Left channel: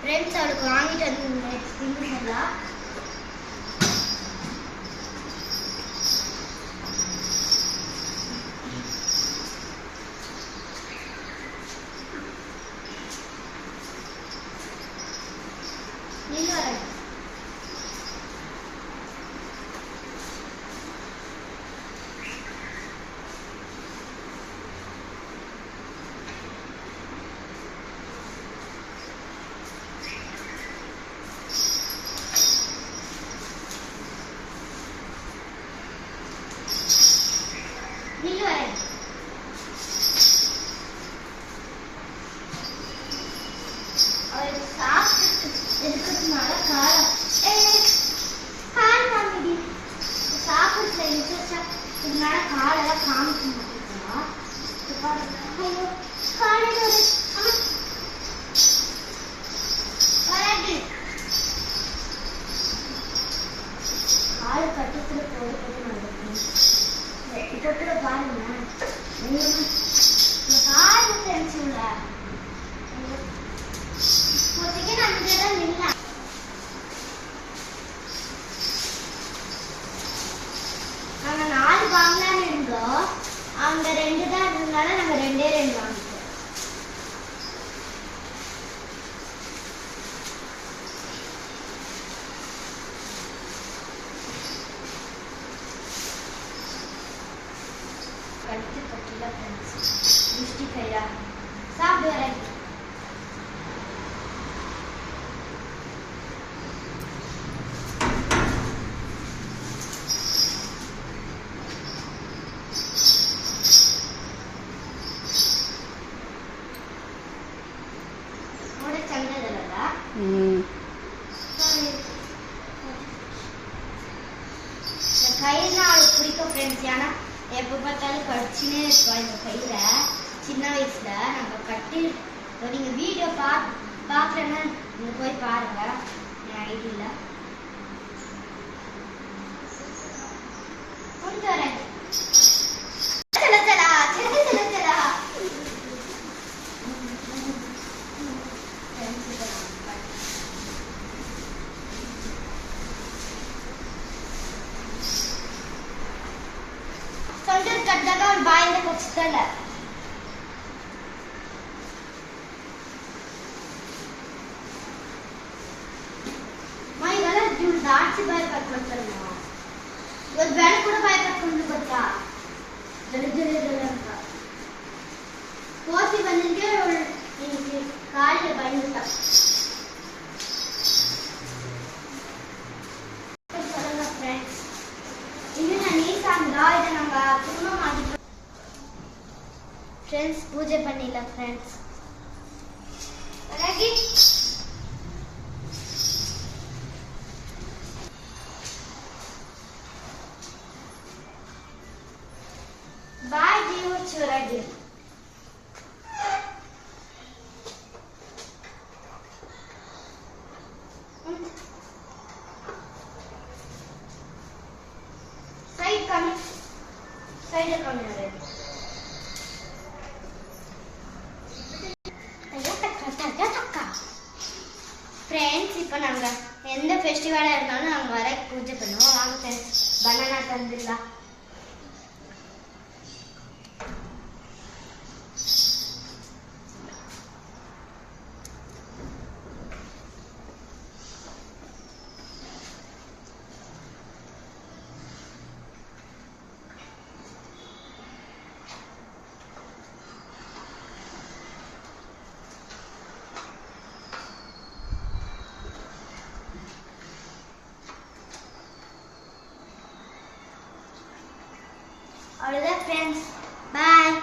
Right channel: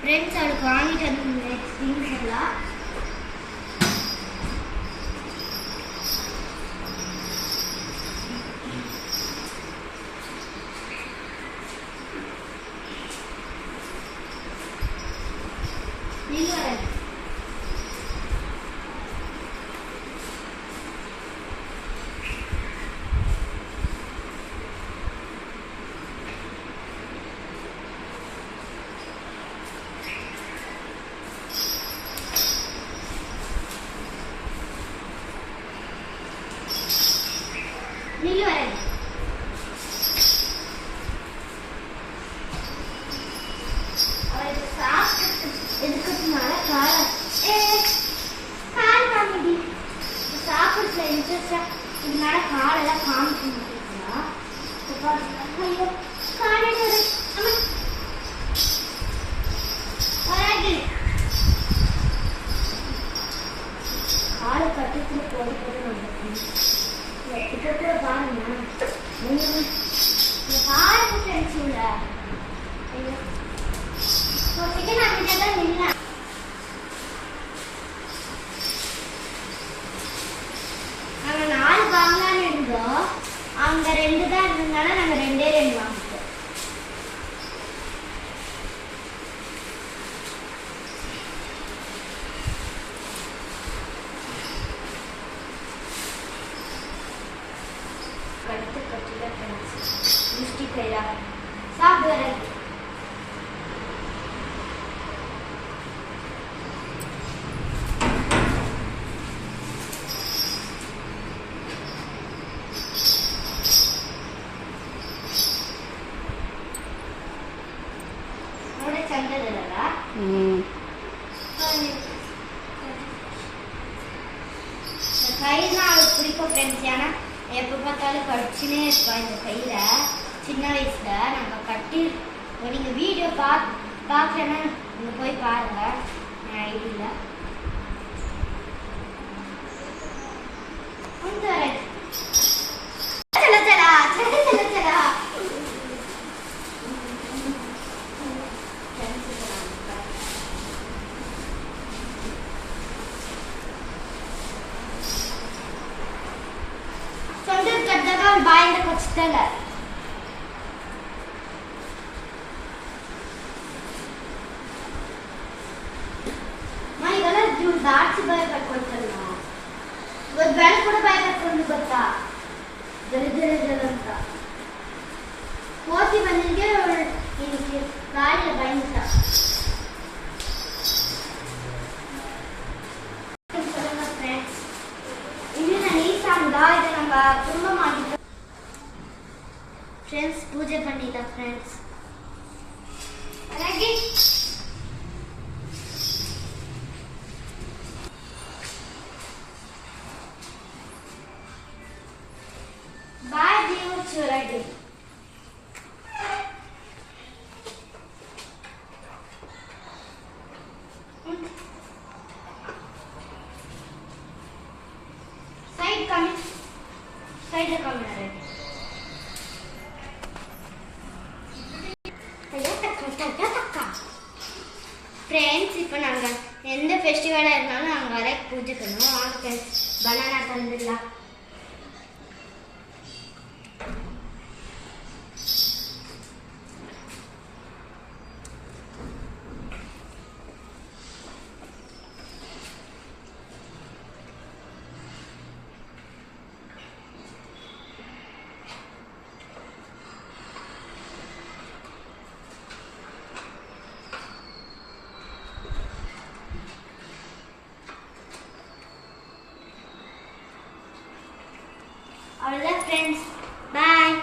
Friends அவளுக்கு வாங்கிட்டு வந்து திங்ஸ் எல்லாம் காலெல்லாம் காமிக்க மாட்டேங்களா? ஐயோ காலையில கால கட்டத்துல போட்டு வந்துட்டேன் பாருங்க பாருங்க ஃப்ரெண்ட்ஸுங்க நான் தான் நின்ன நாங்க 4 வாங்கலான்னு இருந்தோம். அங்க 2 தான் இருந்தனால நாங்க 2 வாங்கிட்டோம். கழுத்து பட்டில மிஸ்டேக் கையா சாப்பிடுறேன். கையில அவளுக்கு பிடிக்கும் ஃப்ரெண்ட்ஸ். ஏன்னா எப்போ பார்த்தாலும் கடிச்சுனே இருப்பா இந்த கையில. சின்ன வயசுல நம்ம கட்டி நீங்க வீடியோ பார்க்கலன்னா நீங்க போய் பாருங்க ஐடியில. ಬಾಯಿಂದ ಕೊಡ್ಸ್ತಲ್ಲ ಮೈಗೆಲ್ಲ ದಾಟ್ಸಿ ಬಾಯಿ ಕಟ್ಕೊಳ್ತಾರಲ್ಲ. ಇವತ್ತು ಬೆಳಗ್ಗೆ ಕೂಡ ಬಾಯಿ ಕಟ್ಕೊಂಡು ಗೊತ್ತಾ ಜಲ ಜಲ ಜಲ ಅಂತ ಕೋತಿ ಬಂದಿಗೆ ಕಾಯಿಲೆ ಬಾಯಿಂದ ಫ್ರೆಂಡ್ಸ್. ಇಲ್ಲಿನ ನೀಸಾಂಗ ಇದು ನಮ್ಮ ತುಂಬಾ ಮಾಡಿದ್ರು ஃப்ரெண்ட்ஸ். பூஜை பண்ணிடலாம் ஃப்ரெண்ட்ஸ். ரெடி பாய் ஜீவ சுரடி சைடு கம்மி சைடுல கம்மி ரெடி ஃப்ரெண்ட்ஸ். இப்போ நாங்கள் எந்த ஃபெஸ்டிவலாக இருந்தாலும் நாங்கள் வர பூஜை பண்ணுவோம். வாங்க ஃப்ரெண்ட்ஸ் பனானா தந்துடலாம். அவ்வளோதான் ஃப்ரெண்ட்ஸ். பாய்.